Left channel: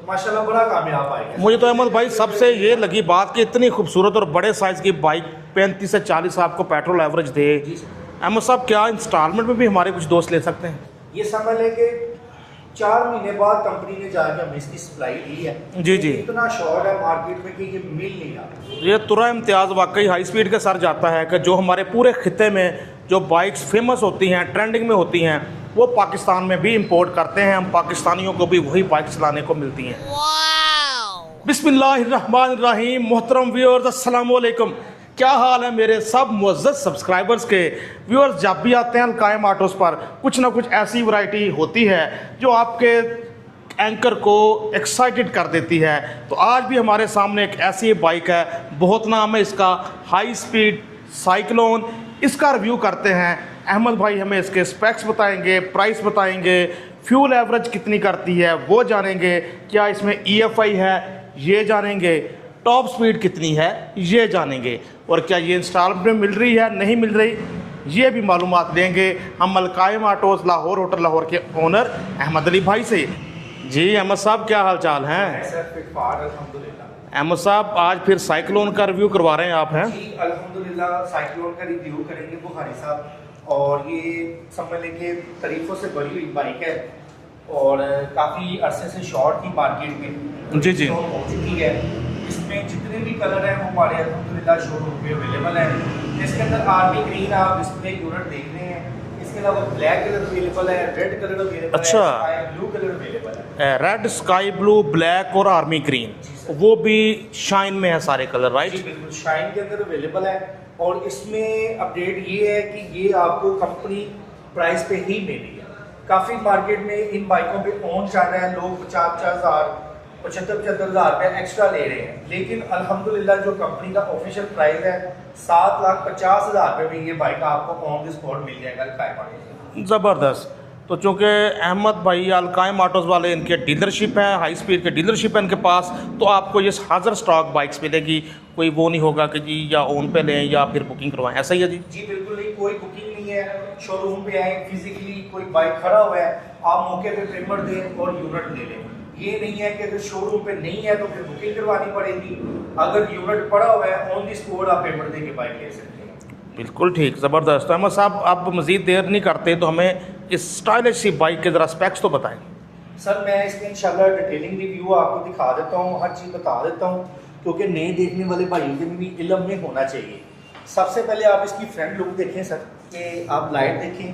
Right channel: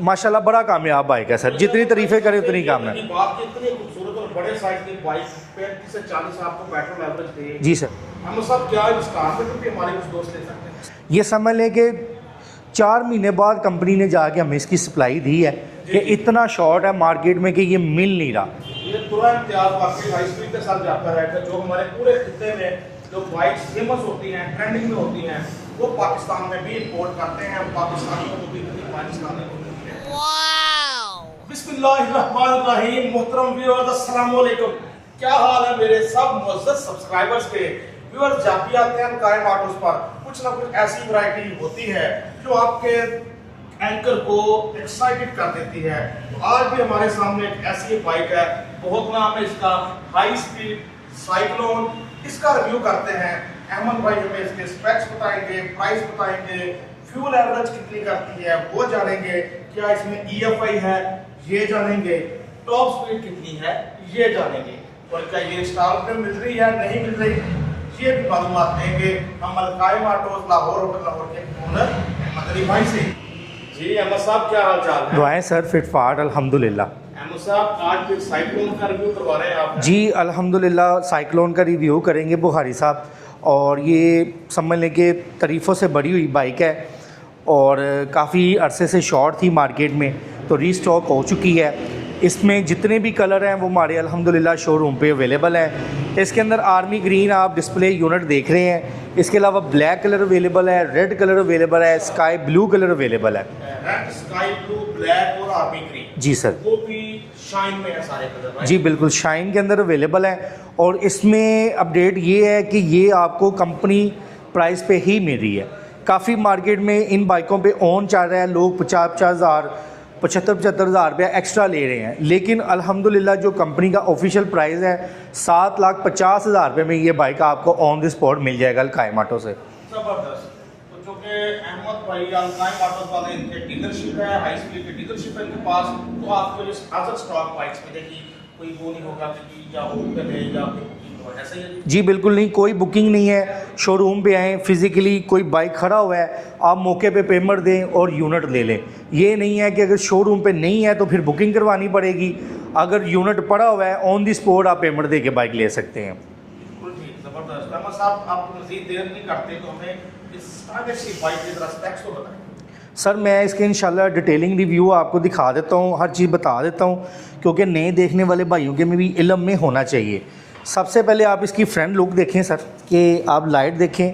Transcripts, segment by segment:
माशाल्लाह बड़ा कामयाब बाइक है सर। मुझे तो जितनी अहमद भाई तारीफें करें सबसे उतनी ये कम है। लगी बात कि इतनी खूबसूरत और बड़े साइज की बाइक 35 से 40 आपको पेट्रोल एवरेज दे। जी सर। अहमद साहब क्या इंस्टॉलमेंट में भी हमारे कुछ दोस्त ले सकते हैं? ये समझ लें कि 4 महीने बाद कंपनी ने जाके हमें इसकी सप्लाई दी है जी, कि जी। इतना शॉर्ट है मार्केट में कि ये मिल नहीं रहा। ये तुरा इम्तियाज़ वाकई हाई स्पीड के साथ जाता है कि जो हमारे पूरे खिते में जो बाइक्स फेमस होती हैं, ट्रेंडिंग में होती हैं, वो पाकिस्तान में भी इंपोर्ट करते हैं। हम पाकिस्तानियों को भी वही बाइक चलाने को मिलती हैं। बिस्मिल्लाहिर्रहमानिर्रहीम। मोहतरम व्यूअर्स, अस्सलाम वालेकुम। क्या हाल है मेरे सब मुअज़्ज़ज़ सब्सक्राइबर्स के? व्यूअर्स, जब भी आते हैं अलकायम ऑटोज़ पर कुछ ना कुछ ऐसी वैरायटी होती है जो आपके एंकर को एक्साइटेड कर देती है। तो आज भी हमारे सामने एक ऐसी बाइक है, बहुत नाम है इसका, हाई स्पीड साइक्लोन। इसका रिव्यू करते हैं। अहमद भाई हमें इसके स्पेक्स बताएंगे, प्राइस बताएंगे, फ्यूल एवरेज कितनी करती है वो जानेंगे, क्या इसमें EFI है ये जानेंगे, टॉप स्पीड कितनी है ये जानेंगे, और क्या ये इंस्टॉलमेंट में मिल रही है नहीं मिल रही ये भी मालूमात देंगे हम अलकायम ऑटोज़ लाहौर, होटल लाहौर के ओनर अहमद अली भाई से। जी अहमद साहब, क्या हाल चाल है? दुआएं सर, फिटफाट अल्हम्दुलिल्लाह। अहमद साहब, आज फिर साइक्लोन का रिव्यू करवा रहे हैं आप, हैं? जी अल्हम्दुलिल्लाह, साइक्लोन का रिव्यू करेंगे बुखारी साहब। और ये समझ लें कि तारीफ़ों से बड़ी हुई बाइक है और काफ़ी अरसे से शॉर्ट थी मार्केट में, तो जी, जी। रीस्टॉक हो चुकी है। इसमें जितने भी कलर हैं वो हमारे अल्हम्दुलिल्लाह शोरूम पे अवेलेबल हैं। इसके अंदर आर्मी ग्रीन आप डिस्प्ले यूनिट देख रहे हैं, इसके अलावा ब्लैक कलर अवेलेबल है, रेड कलर अवेलेबल है, अच्छा। स्काई ब्लू कलर अवेलेबल है। रेड, स्काई ब्लू, ब्लैक और आर्मी ग्रीन। जी सर। वो भी शाइन में है सारे कलर, राइट? जी बिल्कुल, शाइन के अंदर अवेलेबल है। और इसमें अपडेट ये है कि ये आपको कंपनी प्राइस पे ही मिल रही है। काफ़ी मार्केट में इन बाइकों पे ऑन चल रहा है, लोग 50-50 हज़ार 75-75 हज़ार रुपया एक्स्ट्रा ले रहे हैं, लेकिन अल्हम्दुलिल्लाह जो कंपनी का ऑफिशियल प्राइस है 7,50,000 रुपये में ये बाइक आपको ऑन द स्पॉट मिल जाएगा अलकायम ऑटो से। ज़बरदस्त। तो चूँकि अहमद भाई अलकायम ऑटोज़ वाले, इनके डीलरशिप है, हाई स्पीड के डीलरशिप है इनके पास, तो आपको ये हाज़र स्टॉक बाइक्स मिलेगी। कोई वो नहीं होगा कि जी या ऑन पे लें या फिर बुकिंग करवाएं, ऐसा ही है जी? जी बिल्कुल नहीं, कोई बुकिंग नहीं है। शोरूम पे आएँ, फिजिकली कोई बाइक खड़ा हुआ है, आप मौके पे पेमेंट दें और यूनिट ले लें। ये नहीं है कि अगर शोरूम पे नहीं है तो फिर बुकिंग करवानी पड़ेगी। अगर यूनिट पड़ा हुआ है ऑन दी स्पॉट आप पेमेंट दे के बाइक ले सकते हैं। बिल्कुल ठीक, ज़बरदस्त। अहमद साहब, आप मज़ीद देर नहीं करते तो हमें इस स्टाइलिश सी बाइक के ज़रा स्पेक्स तो बताएं। सर मैं इसके इंशाल्लाह डिटेलिंग रिव्यू आपको दिखा देता हूँ, हर चीज़ बता देता हूँ, क्योंकि नए देखने वाले भाइयों के में भी इल्म में होना चाहिए। सबसे पहले आप इसकी फ्रंट लुक देखें सर, कि आप लाइट देखें,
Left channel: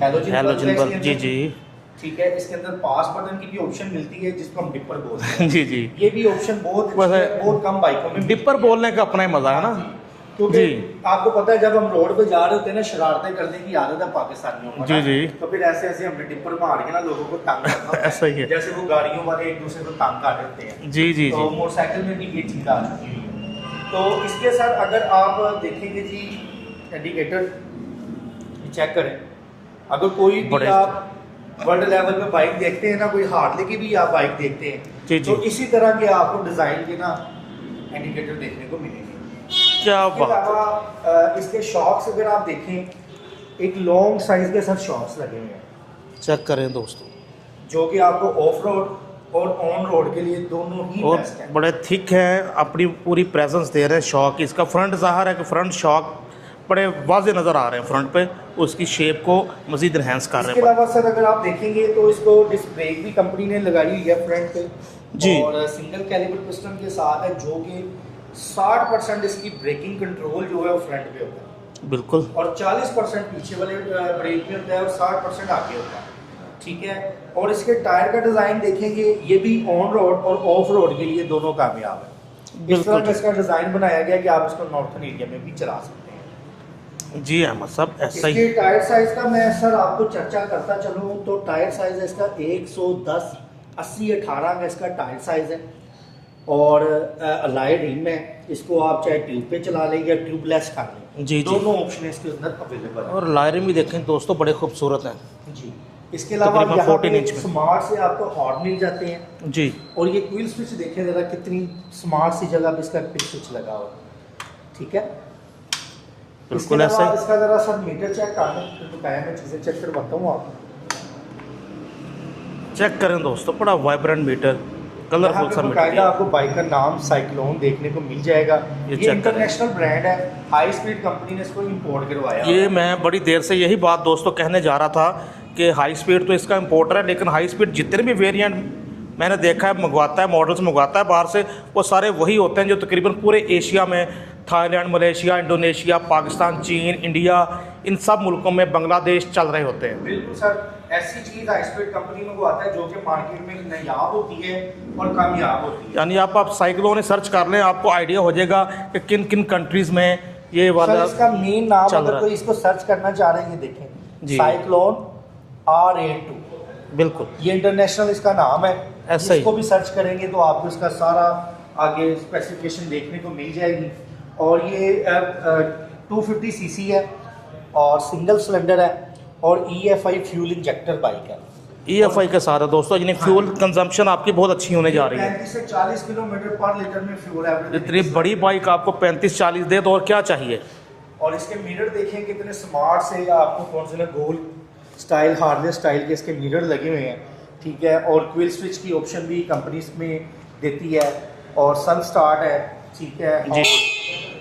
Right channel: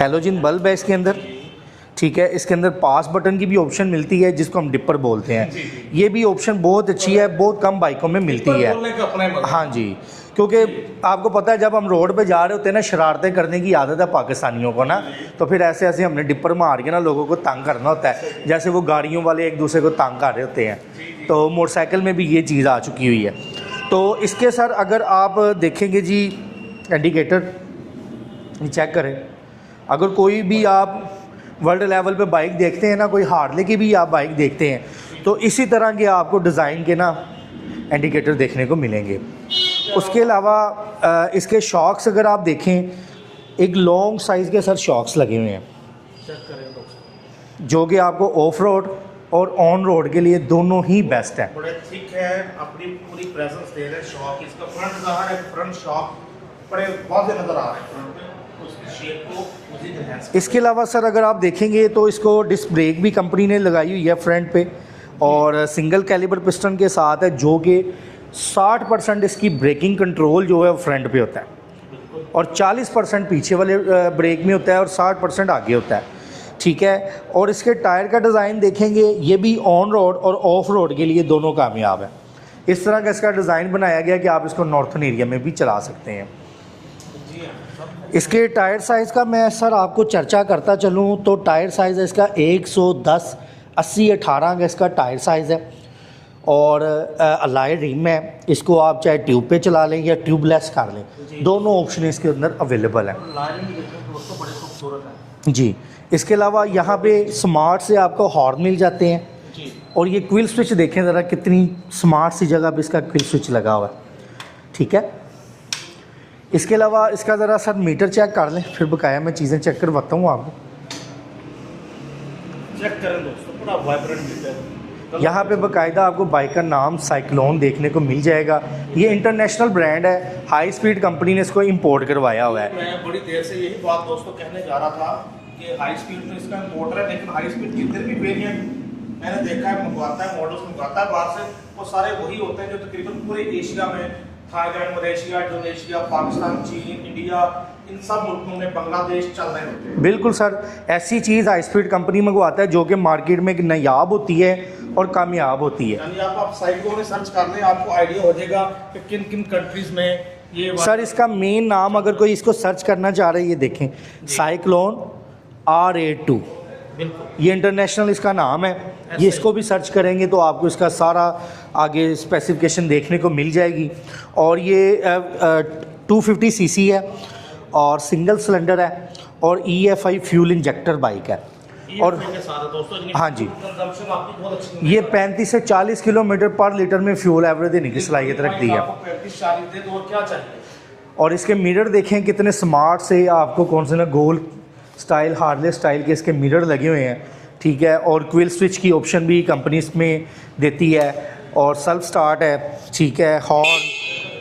हैलोजन बल्ब है इसके अंदर। जी। ठीक है, इसके अंदर पास बटन की भी ऑप्शन मिलती है जिसको हम डिपर बोलते हैं। जी, जी। ये भी ऑप्शन बहुत अच्छी है, बहुत कम बाइकों में मिलती डिपर है। बोलने का अपना ही मजा है हाँ ना? जी, क्योंकि जी। आपको पता है जब हम रोड पे जा रहे होते हैं ना, शरारतें करने की आदत है पाकिस्तानियों को ना, जी, जी। तो फिर ऐसे ऐसे हमने डिपर मार के ना लोगों को तंग करना होता सही है, है। जैसे वो गाड़ियों वाले एक दूसरे को तंग कर रहे होते हैं। जी, जी, तो जी। मोटरसाइकिल में भी ये चीज़ आ चुकी हुई है। तो इसके साथ अगर आप देखेंगे जी, इंडिकेटर चेक करें। अगर कोई भी आप वर्ल्ड लेवल पे बाइक देखते हैं ना, कोई हार्ले की भी आप बाइक देखते जी, हैं, तो इसी तरह के आपको डिज़ाइन के ना इंडिकेटर देखने को मिलेंगे। उसके अलावा इसके शॉक्स अगर आप देखें, एक लॉन्ग साइज़ के साथ शॉक्स लगे हुए हैं, चेक करें दोस्तों, जो कि आपको ऑफ रोड और ऑन रोड के लिए दोनों ही और बेस्ट है। बड़े थिक हैं, अपनी पूरी प्रेजेंस दे रहे हैं शॉक। इसका फ्रंट ज़ाहिर है कि फ्रंट शॉक बड़े वाजे नज़र आ रहे हैं फ्रंट पे, उसकी शेप को मज़ीद इन्हेंस कर रहे हैं। इसके अलावा सर अगर आप देखेंगे तो इसको डिस्क ब्रेक भी कंपनी ने लगाई हुई है फ्रंट पे, और सिंगल कैलिबर पिस्टन के साथ है, जो कि 60% इसकी ब्रेकिंग कंट्रोल जो है वो फ्रंट पे होता है। बिल्कुल। और 40% पीछे वाले ब्रेक में होता है और 60% आगे होता है। ठीक है, और इसके टायर का डिज़ाइन देखेंगे, ये भी ऑन रोड और ऑफ रोड के लिए दोनों कामयाब है। इस तरह का इसका डिज़ाइन बनाया गया कि आप इसको नॉर्थन एरिया में भी चला सकते हैं। जी अहमद साहब, ऐसा इसके ही। टायर साइज़ का मैं सर आपको चर्चा करता चलूँ तो टायर साइज़ है इसका 110 80-18 का इसका टायर साइज़ है, और अलाय रिम है। इसको आप चाहे ट्यूब पे चला लें या ट्यूबलेस कर लें, जी। दोनों ऑप्शन इसके अंदर अवेलेबल है। और लायरें भी देखें दोस्तों, बड़े खूबसूरत हैं जी, इसके अलावा तकरीबन यहाँ 14 पे इंच में। स्मार्ट से आपको हॉर्न मिल जाते हैं। जी। और ये क्विल स्विच देखें ज़रा, कितनी स्मार्ट सी जगह पे इसका क्विल स्विच लगा हुआ है। ठीक है, इसके अलावा ऐसे- इसका ज़रा सर मीटर चेक कर लें, फिर बकाया मैं चीज़ें चेक करवाता हूँ आपको। चेक करें दोस्तों, बड़ा वाइब्रेंट मीटर। यहाँ पे बाकायदा आपको बाइक का नाम साइक्लोन देखने को मिल जाएगा। ये इंटरनेशनल ब्रांड है, हाई स्पीड कंपनी ने इसको इंपोर्ट करवाया हुआ ये है। मैं बड़ी देर से यही बात दोस्तों कहने जा रहा था कि हाई स्पीड तो इसका इंपोर्टर है, लेकिन हाई स्पीड जितने भी वेरिएंट मैंने देखा है मंगवाता है, मॉडल्स मंगवाता है बाहर से, वो सारे वही होते हैं जो तकरीबन पूरे एशिया में, थाईलैंड, मलेशिया, इंडोनेशिया, पाकिस्तान, चीन, इंडिया, इन सब मुल्कों में, बांग्लादेश चल रहे होते हैं। बिल्कुल सर, ऐसी चीज़ हाई स्पीड कंपनी मंगवाता है जो कि मार्केट में नायाब होती है और कामयाब होती है। यानी आप साइक्लोन सर्च कर लें, आपको आइडिया हो जाएगा कि किन किन कंट्रीज़ में ये वाला। सर इसका मेन नाम अगर कोई इसको सर्च करना चाह रहे हैं, ये देखें, साइक्लोन RA2, बिल्कुल ये इंटरनेशनल इसका नाम है। ये इसको भी सर्च करेंगे तो आपको इसका सारा आगे स्पेसिफिकेशन देखने को मिल जाएगी। और ये 250 सीसी है और सिंगल सिलेंडर है और EFI फ्यूल इंजेक्टर बाइक है। EFI के साथ है दोस्तों, यानी फ्यूल कंजम्पशन आपकी बहुत अच्छी होने जा रही है। 35 से 40 किलोमीटर पर लीटर में फ्यूल एवरेज देने की बड़ी बाइक आपको 35-40 दे तो और क्या चाहिए। और इसके मिरर देखें कितने स्मार्ट से, आपको कौन से ना गोल स्टाइल, हार्ले स्टाइल के इसके मिरर लगे हुए हैं, ठीक है। और क्विल स्विच की ऑप्शन भी कंपनी इसमें देती है और सेल्फ स्टार्ट है, ठीक है।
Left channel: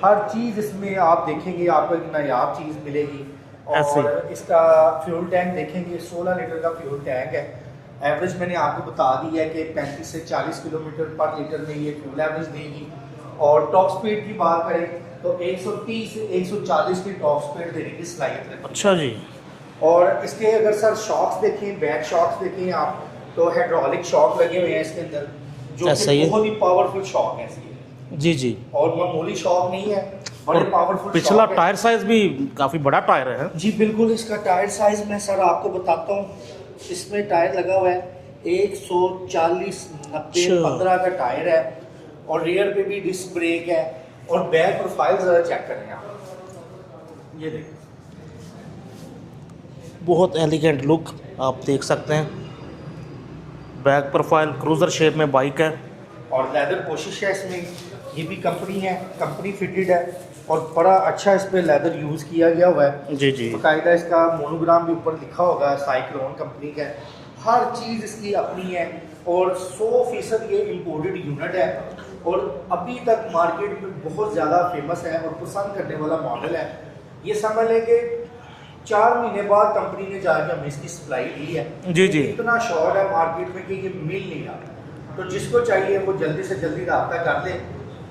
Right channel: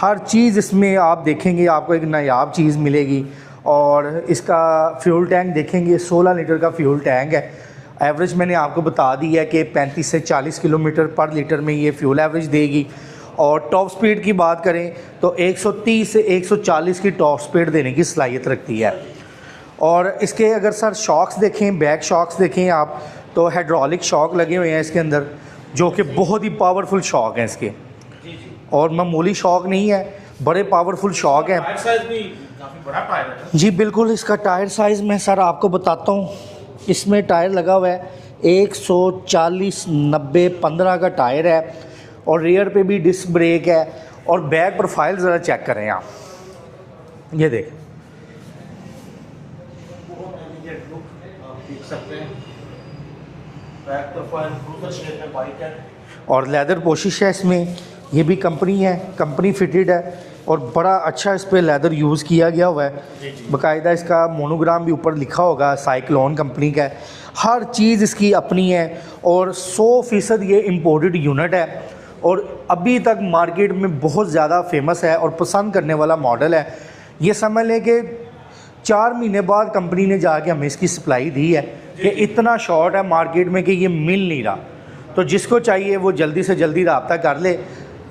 हर चीज़ इसमें आप देखेंगे आपको एक नायाब चीज़ मिलेगी। और इसका फ्यूल टैंक देखेंगे, 16 लीटर का फ्यूल टैंक है। एवरेज मैंने आपको बता दी है कि 35 से 40 किलोमीटर पर लीटर में ये फ्यूल एवरेज देगी। और टॉप स्पीड की बात करें तो 130 से 140 की टॉप स्पीड देने की सलाहियत रखती है। जी। और इसके अगर सर शॉक्स देखें, बैक शॉक्स देखें आप, तो हाइड्रोलिक शॉक लगे हुए हैं इसके अंदर, जो कि बहुत ही पावरफुल शॉक हैं इसके। जी जी। और मामूली शॉक नहीं है, बड़े पावरफुल शॉक है। टायर साइज भी काफ़ी बड़ा टायर है। जी बिल्कुल, इसका टायर साइज मैं सर आपको बताता हूँ। इसमें टायर लगा हुआ है 140/90/15 का टायर है और रेयर पे भी डिस्क ब्रेक है। और बैक प्रोफाइल ज़रा चेक करें आप, ये देख, बहुत एलिगेंट लुक आप देख सकते हैं। बैक प्रोफाइल क्रूज़र शेप में बाइक है और लेदर पोशिश है इसमें। ये भी कंपनी है, कंपनी फिटेड है और बड़ा अच्छा इस पर लेदर यूज़ किया गया हुआ है। जी जी। बाकायदा इसका मोनोग्राम भी ऊपर लिखा होगा, साइक्लोन कंपनी का है। हर चीज़ इसकी अपनी है और 100% ये इम्पोर्टेड यूनिट है और अभी तक मार्केट में बहुत ज़्यादा फेमस है और पसंद करने वाला मॉडल है। ये समझ लें कि 4 महीने बाद कंपनी ने जाके हमें इसकी सप्लाई दी है कि इतना शॉर्ट है मार्केट में कि ये मिल नहीं रहा। तो जिसको चाहिए वो जल्दी से जल्दी रब्ता कर ले,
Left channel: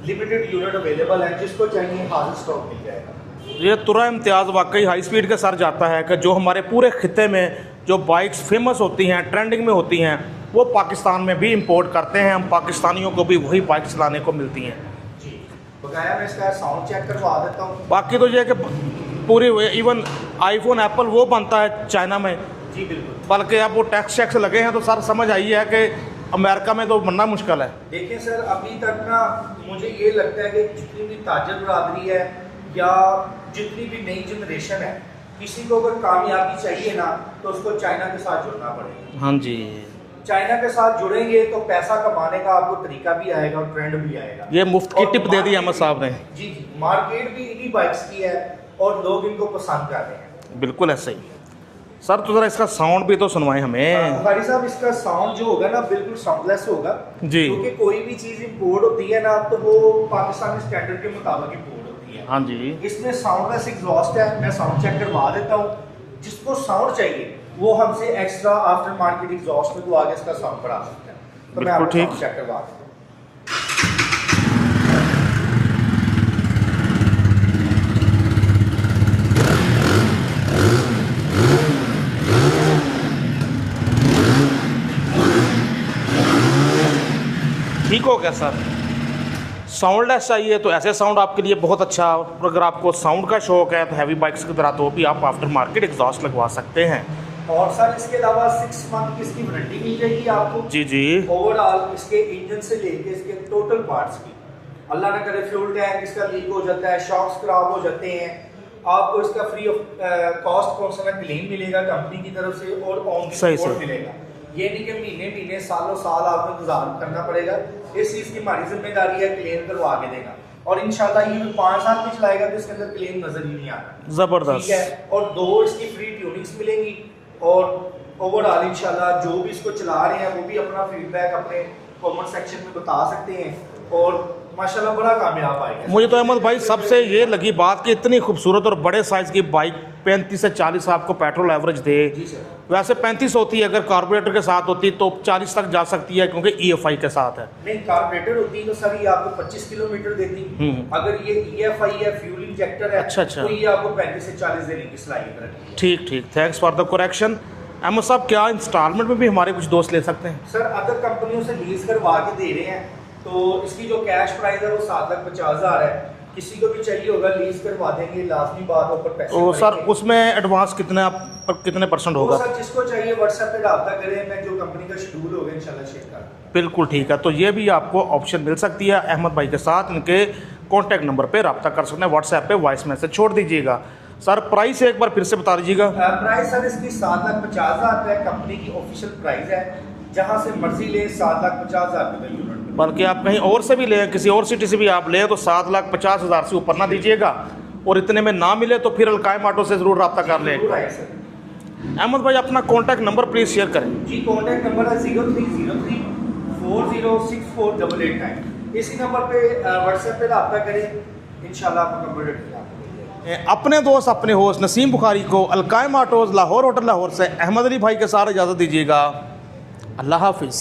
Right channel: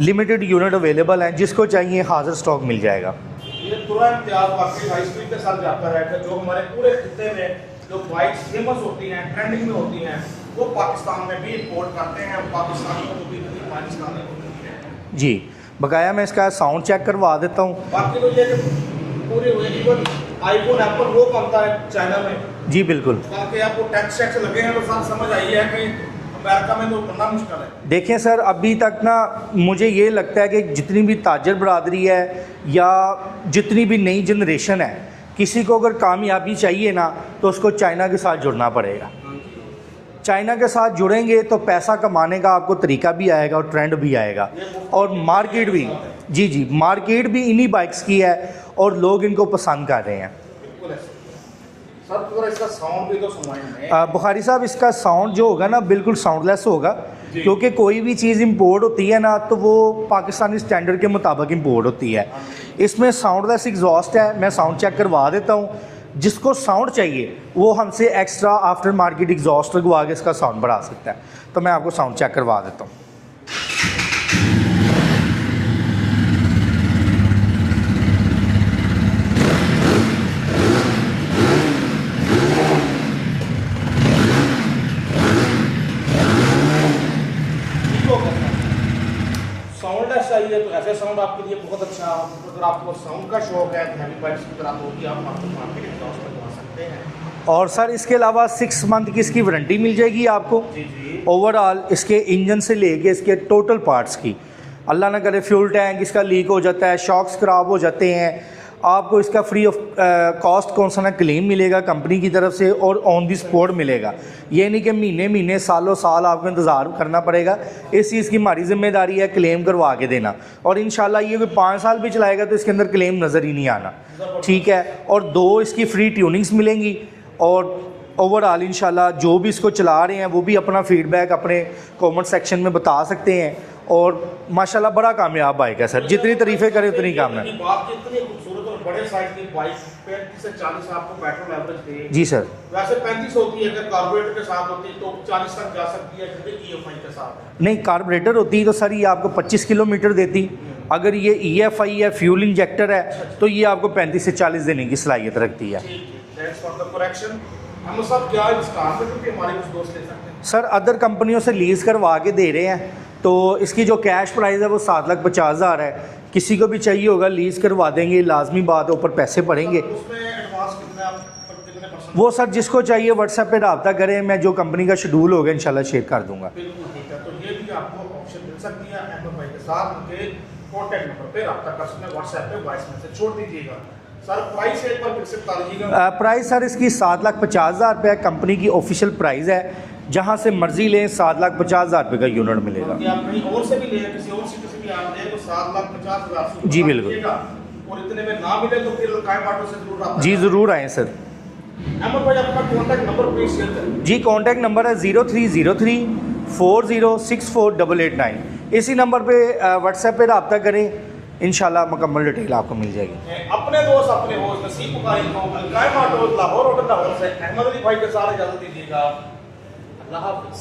लिमिटेड यूनिट अवेलेबल हैं, जिसको चाहिए हाजिर स्टॉक मिल जाएगा। ये तुरा इम्तियाज़ वाकई हाई स्पीड के सर जाता है कि जो हमारे पूरे खिते में जो बाइक्स फेमस होती हैं, ट्रेंडिंग में होती हैं, वो पाकिस्तान में भी इंपोर्ट करते हैं। हम पाकिस्तानियों को भी वही बाइक चलाने को मिलती हैं। जी, बकाया मैं इसका साउंड चेक करवा देता हूँ। बाकी तो ये कि पूरे इवन आईफोन एप्पल वो बनता है चाइना में। जी बिल्कुल, बल्कि अब वो टैक्स लगे हैं तो सर समझ आई है कि अमेरिका में तो बनना मुश्किल है। देखें सर, अभी तक ना मुझे ये लगता है कि जितनी भी ताजर बरादरी है या जितनी भी नई जनरेशन है, किसी को अगर कामयाबी चाहिए ना तो उसको चाइना के साथ जुड़ना पड़ेगा। हाँ जी, चाइना के साथ जुड़ेंगे तो पैसा कमाने का आपको तरीका भी आएगा और ट्रेंड भी आएगा। ये मुफ्त की टिप दे दी है साहब ने। जी जी, मार्केट भी इन्हीं बाइक्स की है और लोग इनको पसंद कर रहे हैं। बिल्कुल ऐसे ही सर। तो ज़रा इसका साउंड भी तो सुनवाएं हमें। बुखारी साहब, इसका साउंड जो होगा ना बिल्कुल साउंडलेस होगा, क्योंकि कोई भी चीज़ इंपोर्ट होती है ना तो वो पाकिस्तानी स्टैंडर्ड के मुताबिक इंपोर्ट होती है। हाँ जी। इसमें साउंडलेस एग्जॉस्ट है, मैं साउंड चेक करवा देता हूँ। जिसको साउंड चाहिए वो हमसे एक्स्ट्रा आफ्टर मार्केट एग्जॉस्ट लगवा के इसका साउंड बढ़ा सकता है। तो मैं आपको साउंड चेक करवा देता हूँ। ठीक हो गया सर। साउंडलेस चाहिए तो ऐसे साउंड आपके लिए बहुत अच्छा। अगर आपको साउंड का शौक है तो हैवी बाइक्स की तरह तो भी आप आफ्टर मार्केट एग्जॉस्ट लगवा सकते हैं। और सर इसके अलावा 6 मंथ की इसकी वारंटी मिल जाएगी आपको। जी जी। ओवरऑल इसके इंजन से लेके इसके टोटल पार्ट्स की। अल्लाह ना करे फ्यूल टैंक इसका लीक हो जाता है, शॉक्स खराब हो जाते हैं, आपको इसका फ्री ऑफ कॉस्ट कौन सा ना क्लेम मिलेगा कंपनी की तरफ से और ऑन दी स्पॉट मिलेगा। ये नहीं कि महीने सालों साल आपको इंतज़ार करना पड़ेगा। इस चीज़ की हमारी जिम्मेदारी है क्लेम करवा के देना। और इंशाल्लाह ये 5 साल भी चलाएगा तो इसके अंदर क्लेम नज़र ही नहीं आना। ज़बरदस्त, ठीक है। और 2 इसकी फ्री ट्यूनिंग्स मिलेंगी और ओवरऑल इंशाल्लाह जो भी इसको चला रहे हैं वो भी अपना फीडबैक अपने कमेंट सेक्शन में बता सकते हैं और माशाल्लाह बड़ा कामयाब बाइक है सर। मुझे तो जितनी अहमद भाई तारीफें करें सबसे उतनी ये कम है। लगी बात कि इतनी खूबसूरत और बड़े साइज की बाइक 35 से 40 आपको पेट्रोल एवरेज दे। जी सर। वैसे 35 होती है, अगर कार्बोरेटर के साथ होती तो 40 तक जा सकती है क्योंकि EFI के साथ है। नहीं कार्बोरेटर होती तो सर ये आपको 25 किलोमीटर देती। अगर ये EFI है फ्यूल इंजेक्टर है अच्छा, अच्छा। तो ये आपको 35 से 40 देने की सलाहियत रखती है। ठीक ठीक, thanks for the correction. Ahmad sahab क्या इंस्टॉलमेंट में भी हमारे कुछ दोस्त ले सकते हैं? सर अदर कंपनियों से लीज करवा के दे रहे हैं तो इसकी जो कैश प्राइस है वो 7,50,000 है। किसी को भी चाहिए होगा लीज करवा देंगे, लाजमी बात है ऊपर पैसे तो पड़ेंगे। सर उसमें एडवांस कितने परसेंट वो होगा? सर जिसको चाहिए व्हाट्सएप पे रब्ता करें, मैं जो कंपनी का शेड्यूल होगा इंशाल्लाह शेयर कर दूंगा। बिल्कुल ठीक है, तो ये भी आपको ऑप्शन मिल सकती है अहमद भाई के साथ। इनके कॉन्टैक्ट नंबर पे रब्ता कर सकते हैं, व्हाट्सएप पे वॉइस मैसेज छोड़ दीजिएगा। सर प्राइस एक बार फिर से बता दीजिएगा। प्राइस सर इसकी 7,50,000 रुपये कंपनी की ऑफिशियल प्राइस है। जहां से मर्जी ले 7,50,000 रुपये का यूनिट मिलेगा। बल्कि आप कहीं और से भी ले, किसी और सिटी से भी आप ले तो 7,50,000 से ऊपर जी ना बिल्कुल। लीजिएगा। और इतने में ना मिले तो फिर अलकायम ऑटो से जरूर रब्ता जी कर लें। ज़रूर आए सर। अहमद भाई अपना कॉन्टैक्ट नंबर प्लीज शेयर करें। जी कॉन्टैक्ट नंबर है 0303 4064 इसी नंबर पे व्हाट्सएप पे रब्ता करें, इंशाल्लाह मुकम्मल डिटेल आपको मिल जाएगी। अपने दोस्त अपने होस्ट नसीम बुखारी को अलकायम ऑटोज लाहौर होटल लाहौर से अहमद अली भाई के साथ इजाज़त दीजिएगा। अल्लाह हाफिज़।